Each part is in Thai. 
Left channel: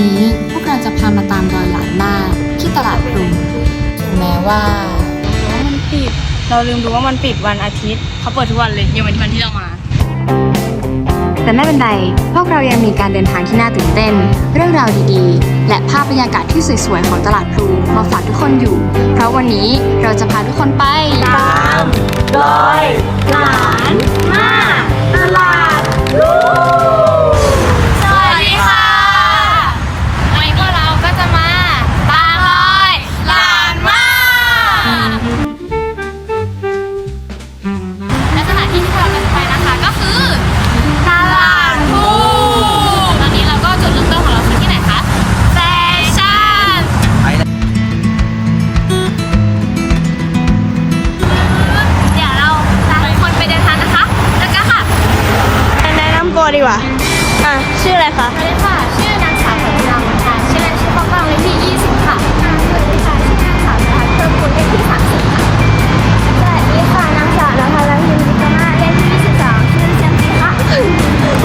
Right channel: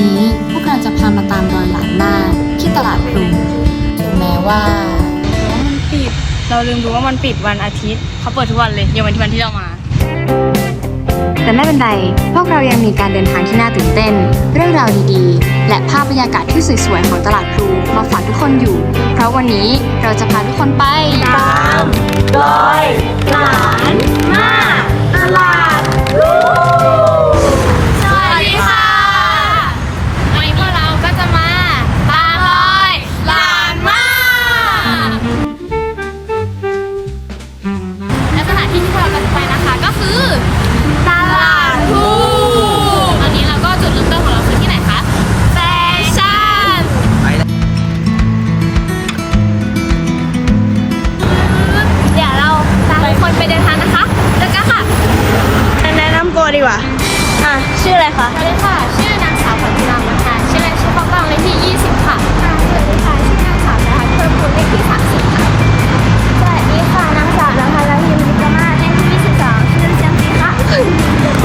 นี้พวกเราจะพามาตามรอยหลานมากที่ตลาดพลูถึงแม้ว่าแต่ว่ามันปิด เราลืมดูว่ามันปิดวันอาทิตย์เขาเปิดทุกวันเลยยังเป็นวันที่เรามา แต่ไม่เป็นไร พวกเรายังมีการเดินทางที่น่าตื่นเต้น เรื่องราวดีๆ และภาพบรรยากาศที่สวยๆของตลาดพลูมาฝากทุกคนอยู่ เพราะวันนี้เราจะพาทุกคนไปตามรอยหลานมาตลาดรูส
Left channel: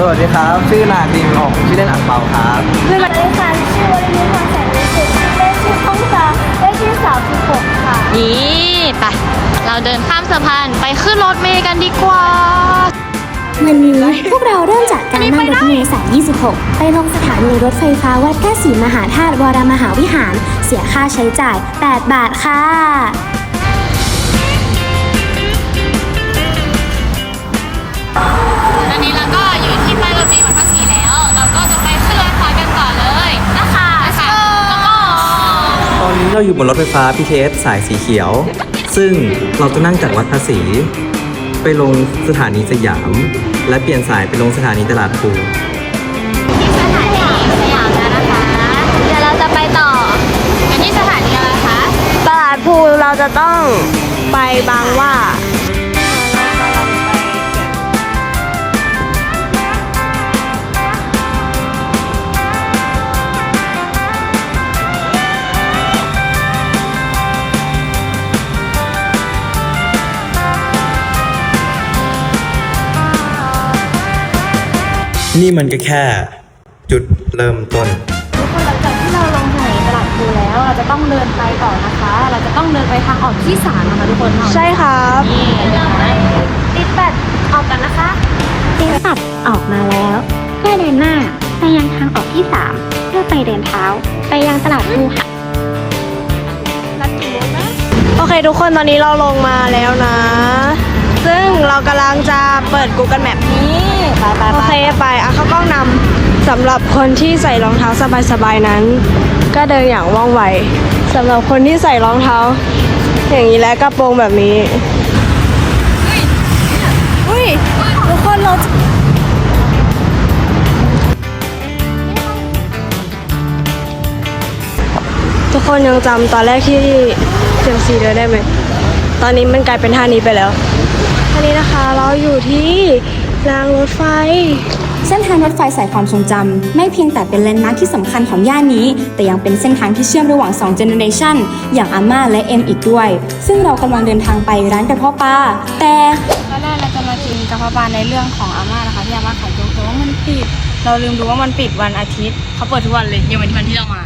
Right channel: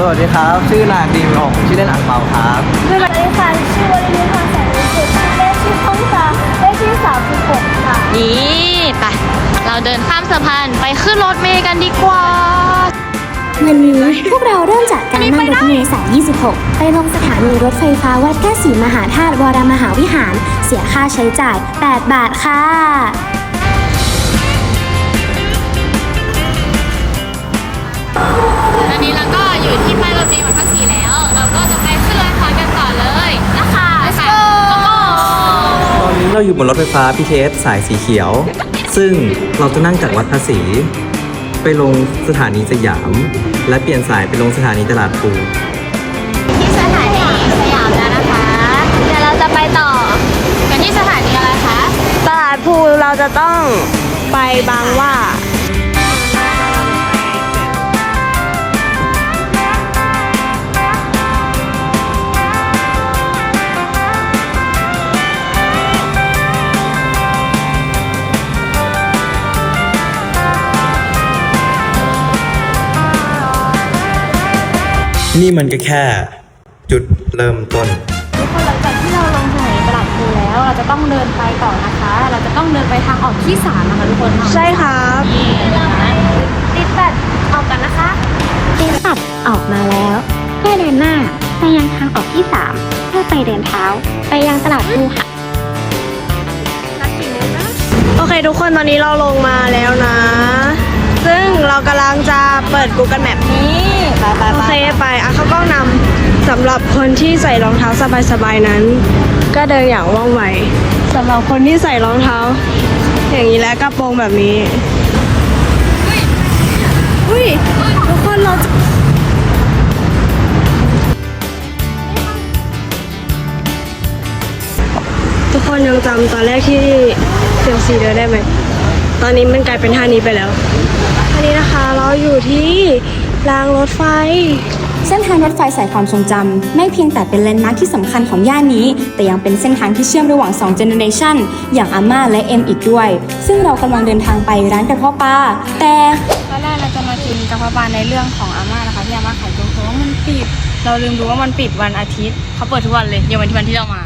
วัสดีครับ ชื่อนายดีมผมชื่อเล่นอังเปาครับสวัสดีค่ะชื่อวรินทร์ทองแสนสุขเลขที่องศาเลขที่36ค่ะนี่ไปเราเดินข้ามสะพานไปขึ้นรถเมล์กันดีกว่า วันนี้พวกเราเริ่มจากการนั่งรถเมล์สาย 26 ไปลงสถานีรถไฟฟ้าวัดพระศรีมหาธาตุวรมหาวิหาร เสียค่าใช้จ่าย 8 บาทค่ะ เราอยู่บนรถไฟฟ้า BTS สายสีเขียว ซึ่งเราจะนั่งจากวัดภาษี ไปลงสถานีสยาม และเปลี่ยนสายไปลงสถานีตลาดภูเดี๋ยวเราจะไปต่อกันที่สถานีอะไรคะ ตลาดภูเราจะต้องไปบางหว่า นี่มันก็แค่ จุดเริ่มต้น ทุกคนหลังจากที่เราลงสถานีตลาดภูแล้ว เราจะต้องเดินไปต่อนะคะ เราจะต้องเดินไปทางออกที่สามนะคะทุกคนใช่ครับปิดแปดออกกันนะคะเดินตัดออกมาแล้วเพื่อเดินหน้าไปยังทางออกที่3เพื่อไปเดินเท้า ไปยังตลาดภูค่ะ โอเคทุกคนตอนนี้เราลงมาแล้วนะ ซึ่งเรากำลังจะเปิด Google Map นี้ นำสำหรับคนที่ใส่รองเท้าสบายๆนั้น ก็เดินอย่างว่องไวสำหรับคนที่ใส่รองเท้า อย่างนี้และกระโปรงแบบนี้อุ้ยทุกคนเราจะทุกคนยังจำตอนแรกที่เซียมซีเดินได้ไหม ตอนนี้มันกลายเป็นท่านี้ไปแล้วท่านี้นะคะเราอยู่ที่รางรถไฟ เส้นทางรถไฟสายความทรงจำไม่เพียงแต่เป็นแลนด์มาร์คที่สำคัญของย่านนี้ แต่ยังเป็นเส้นทางที่เชื่อมระหว่าง2เจเนเรชันอย่างอาม่าและเอ็มอีกด้วย ซึ่งเรากำลังเดินทางไปร้านกระเพาะปลาแต่ตอนแรกเราจะมากินกระเพาะปลาในเรื่องของอาม่านะคะที่อาม่าขายตรงแต่ว่ามันปิด เราลืมดูว่ามันปิดวันอาทิตย์เขาเปิดทุกวันเลยยังเป็นวันที่เรามา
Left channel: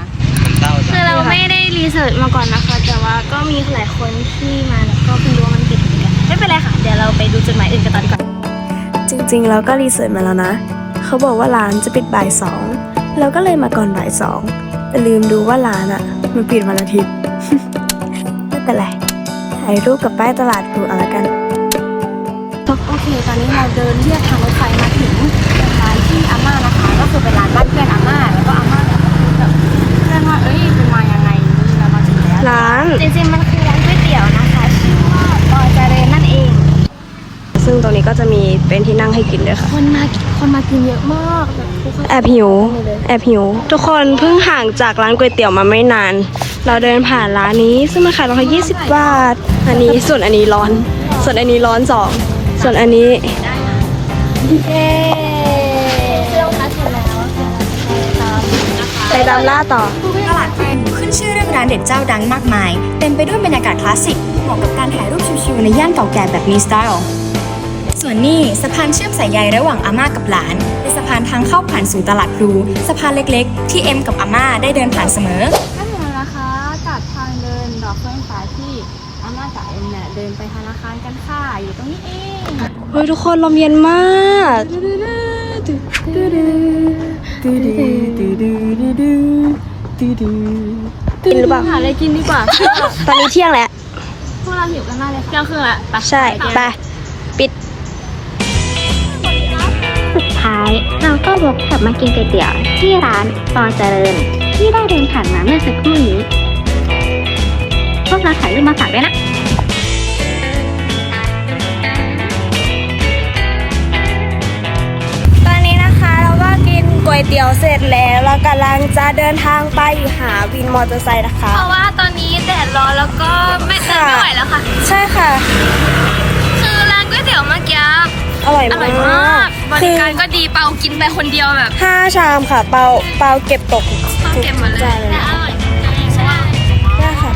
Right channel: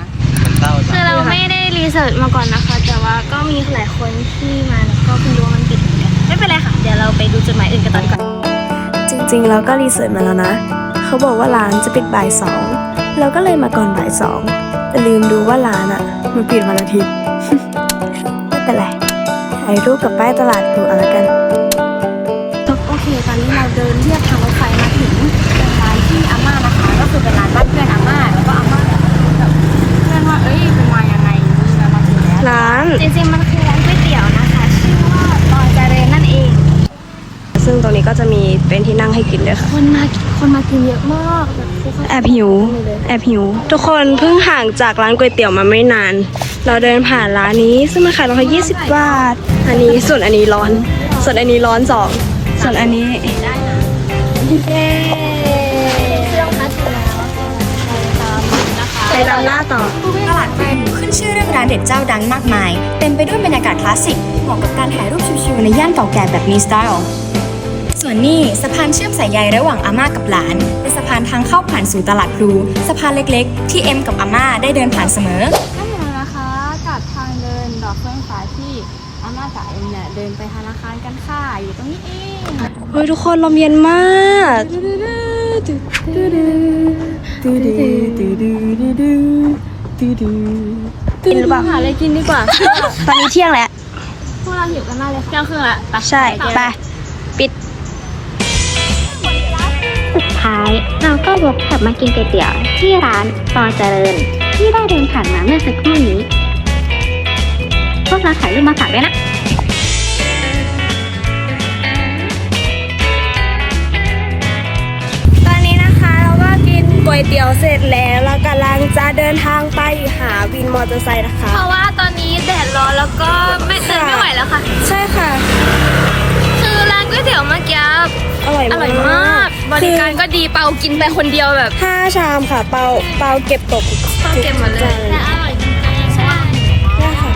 คือเราไม่ได้รีเสิร์ชมาก่อนนะคะ แต่ว่าก็มีหลายคนที่มาแล้วก็เพิ่งรู้ว่ามันปิดเหมือนกันไม่เป็นไรค่ะ เดี๋ยวเราไปดูจุดหมายอื่นกันตอนก่อน จริงๆเราก็รีเสิร์ชมาแล้วนะ เขาบอกว่าร้านจะปิดบ่ายสองเราก็เลยมาก่อนบ่ายสองแต่ลืมดูว่าร้านอะ่ะ มันปิดวันอาทิตย์ไม่เป็นไรถ่ายรูปกับป้ายตลาดดูเอาละกันโอเค ตอนนี้เราเดินเรียบทางรถไฟมาถึงเป็นร้านที่อาม่านะคะ ก็คือเป็นร้านบ้านเพื่อนอาม่าแล้วก็อาม่าแบบแบบเพื่อนว่าเอ้ยเป็นมายังไงนี่เรามาถึงแล้วร้านจริงๆมันคือร้านก๋วยเตี๋ยวนะคะ ชื่อว่าปอยเจเรนนั่นเอง ซึ่งต รงนี้ก็จะมีเป็นที่นั่งให้กินด้วยค่ะคนมาคนมากินเยอะมากแบบทุกคนแอบหิว แอบหิว ทุกคนเพิ่งห่างจากร้านก๋วยเตี๋ยวมาไม่นาน เราเดินผ่านร้านนี้ซึ่งมันขายราคา20 บาท อันนี้ส่วนอันนี้ร้อน ส่วนอันนี้ร้อนสอง ส่วนอันนี้ไปตามล่าต่อตลาดพลูขึ้นชื่อเรื่องร้านเด็ดเจ้าดังมากมาย เต็มไปด้วยบรรยากาศคลาสสิก เหมาะกับการถ่ายรูปชิวๆในย่านเก่าแก่แบบมีสไตล์ ส่วนนี้สะพานเชื่อมสายใยระหว่างอาม่ากับหลานเป็นสะพานทางเข้าผ่านสู่ตลาดพลูสะพานเล็กๆ ที่เอ็มกับอาม่าได้เดินผ่านเสมอถ้าเห็นแล้วนะคะกับทางเดินดอกเฟื่องฟ้าที่อาม่ากับเอ็มเนี่ยเดินไปธนาคารกันค่ะอยู่ตรงนี้เองเฮ้ยทุกคนลมเย็นมากกินหรือเปล่าหาอะไรกินดีกว่า ตอนนี้เที่ยงแล้วพวกเราหิวกันมากเลยค่ะเที่ยงครึ่งละไปใช่ไปปิดสุด ท้าย เราก็วกกลับมากินก๋วยเตี๋ยวที่ร้านปอเจริญ ที่ได้เดินผ่านมาเมื่อสักครู่นี้ พวกเราถ่ายรูปมาฝากด้วยนะตอนนี้นะคะเราก็กินก๋วยเตี๋ยวเสร็จแล้วเรากำลังจะเดินทางไปหาวินมอเตอร์ไซค์นะคะ เพราะว่าตอนนี้แดดร้อนแล้วก็ไม่เดินไม่ไหวแล้วค่ะ ใช่ค่ะ คือร้านก๋วยเตี๋ยวเมื่อกี้ อร่อยอร่อยมาก บริการก็ดีเปากินไปคนเดียวแบบห้าชามค่ะเปาเปาเก็บตกต้องเก็บหมดเลยแต่อร่อยจริงๆใช่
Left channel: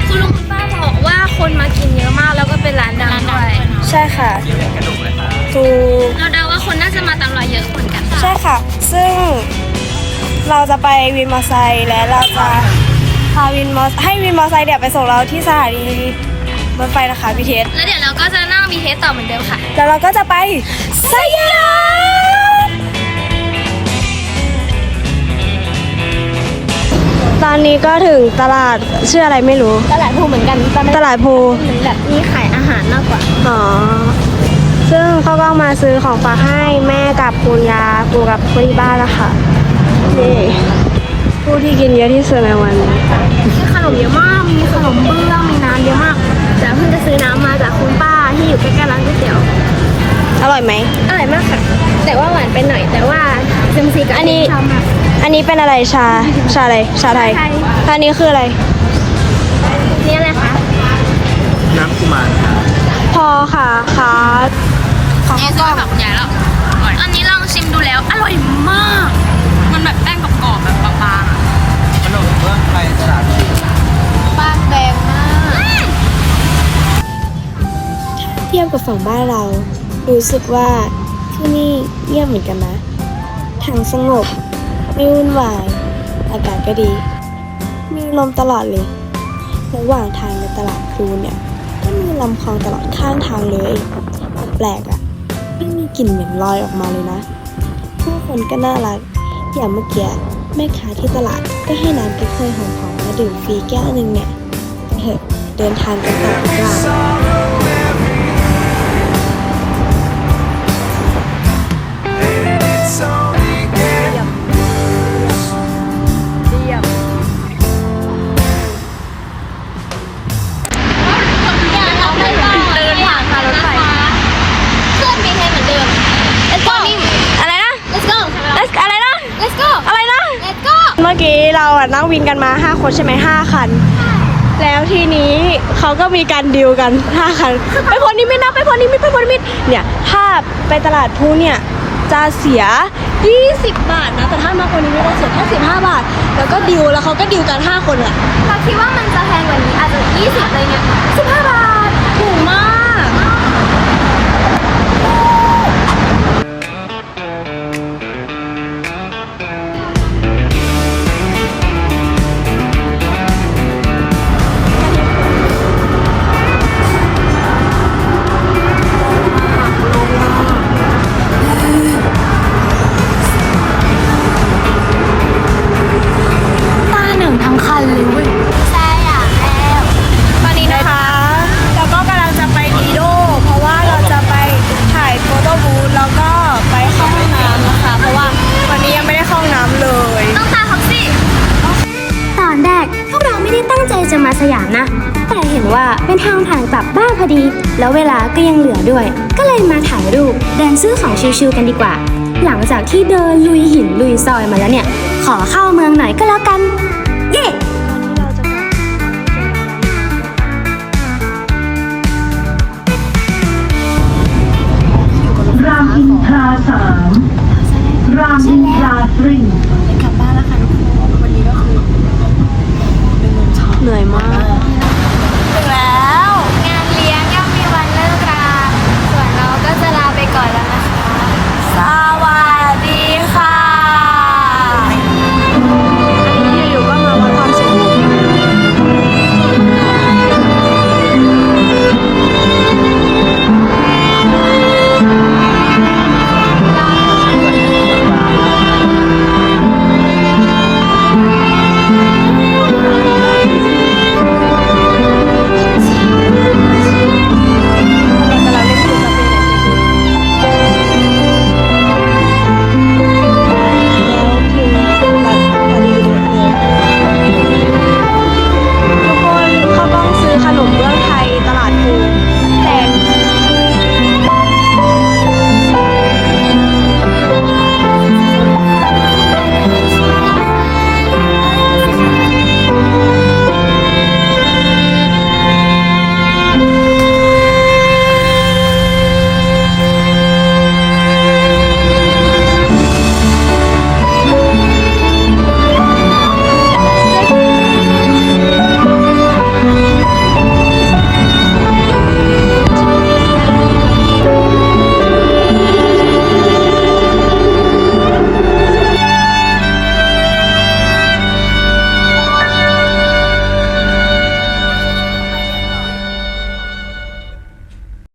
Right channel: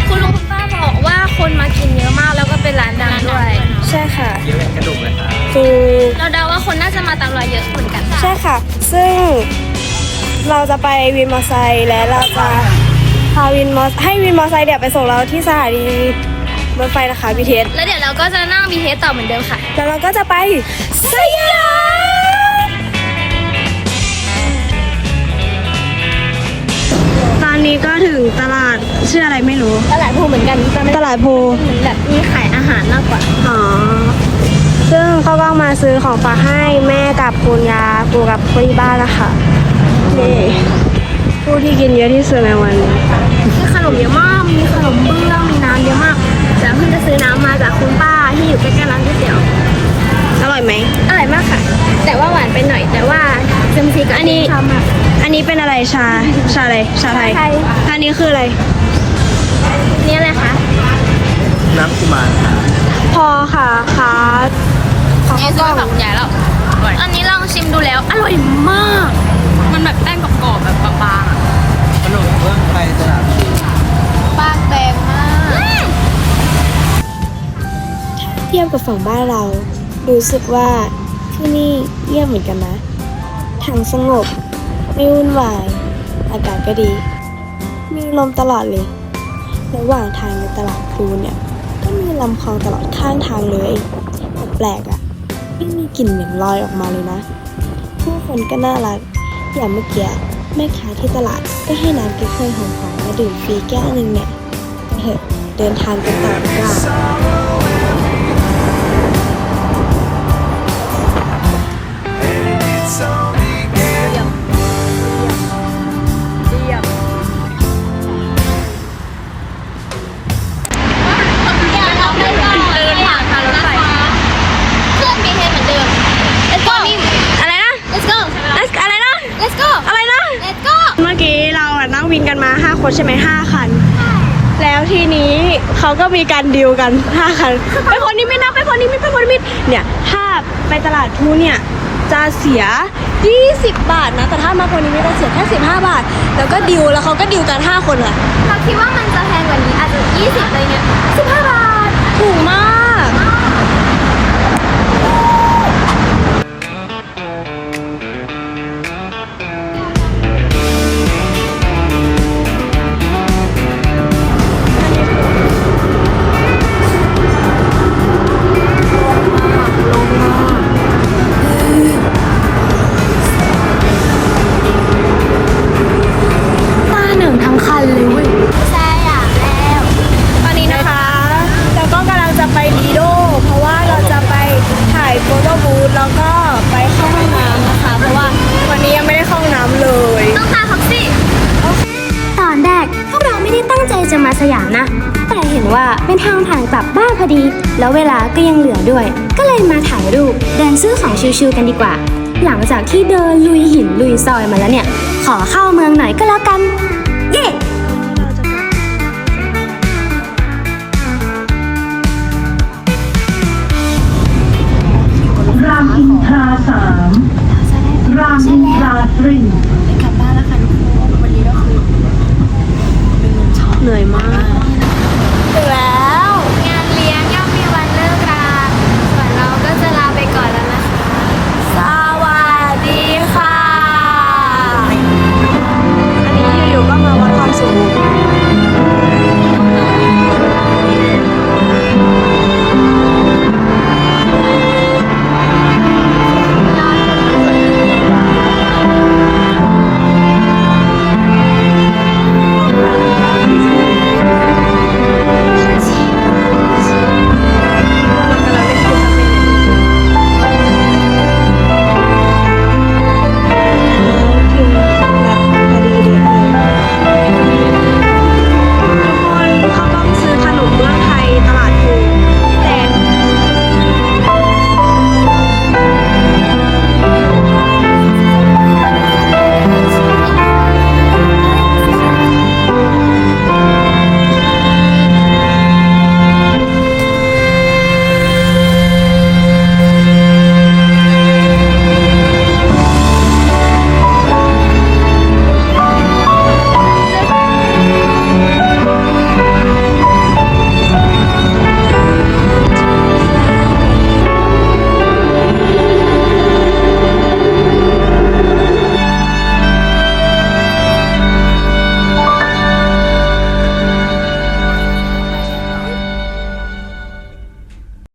คุณลุงคุณป้าบอกว่าคนมากินเยอะมากแล้วก็เป็นร้านดังด้วย ใช่ค่ะถูกเราเดาว่าคนน่าจะมาตามรอยเยอะเหมือนกันใช่ค่ะ ซึ่งเราจะไปวินมอเตอร์ไซค์และเราจะพาวินมอให้วินมอเตอร์ไซค์เดี๋ยวไปส่งเราที่สถานี รถไฟนะคะพีเทสแล้วเดี๋ยวเราก็จะนั่งบีเทสต่อเหมือนเดิมค่ะ แล้วเราก็จะไปสยามตอนนี้ก็ถึงตลาดชื่ออะไรไม่รู้ ตลาดภูเหมือนกันแต่มันตลาดภูเหมือนแบบมีขายอาหารมากกว่า อ๋อ ซึ่งเขาก็มาซื้อของฝากให้แม่กับคุณยาปูกับคนที่บ้านนะคะนี่ผู้ที่กินเยอะที่สุดในวันนี้ขนมเยอะมากมีขนมเบื้อ อร่อยไหม อร่อยมากค่ะ แต่ว่าหวานไปหน่อย แต่ว่าเซมซีกับอันนี้ ชอบมาก อันนี้เป็นอะไรชา ชาอะไร ชาไทยชาไทย อันนี้คืออะไร นี่อะไรคะน้ำกุมารค่ะพอค่ะค่ะขอแอข้าวร์กซล้อองสของยายแล้วตอนนี้ลองชิมดูแล้ว อร่อยมาก มันแบบแป้งกรอบๆแบบบางๆอะขนมเบื้องไทยตลาดพลูเทียบกับฝั่งบ้านเรา รู้สึกว่าที่นี่เยี่ยมเหมือนกันนะทางสงบ ไม่วุ่นวาย อากาศก็ดี มีลมตลอดเลย ระหว่างทางในตลาดพลูเนี่ยก็มีลำคลองตลอดข้างทางเลยแต่แปลกอะ่ะ ไม่มีกลิ่นเหม็นลอยออกมาเลยนะ ผู้คนก็น่ารัก อย่างเมื่อกี้แม่ค้าที่ตลาดก็ให้น้ำเก๊กฮวยหอมๆมาดื่มฟรีแก้วหนึ่งเนี่ยเถอะเดินทางกันต่อดีกว่า งวินกันมา5คนใช่ไหม5คัน แล้วทีนี้เขาก็มีการดีลกัน5คันไปคนนี้ไม่นับไปคนนี้ไม่ไปคนนี้ไม่เนี่ยถ้าไปตลาดทูเนี่ยจะเสีย 20 บาทนะแต่ถ้ามาคนนี้ไม่ก็เสีย55บาทแล้วก็ดิวแล้วเขาก็ดิวกัน5คนอะเราคิดว่ามันจะแพงกว่านี้อาจจะ20อะไรเงี้ย15บาท จะมาสยามนะ แต่เห็นว่าเป็นทางผ่านกลับบ้านพอดี แล้วเวลาก็ยังเหลือด้วย ก็เลยมาถ่ายรูปเดินซื้อของชิวๆกันดีกว่า หลังจากที่เดินลุยหินลุยซอยมาแล้วเนี่ย ขอเข้าเมืองหน่อยก็แล้วกัน เย้รามอินทราสามรามอินทราตรี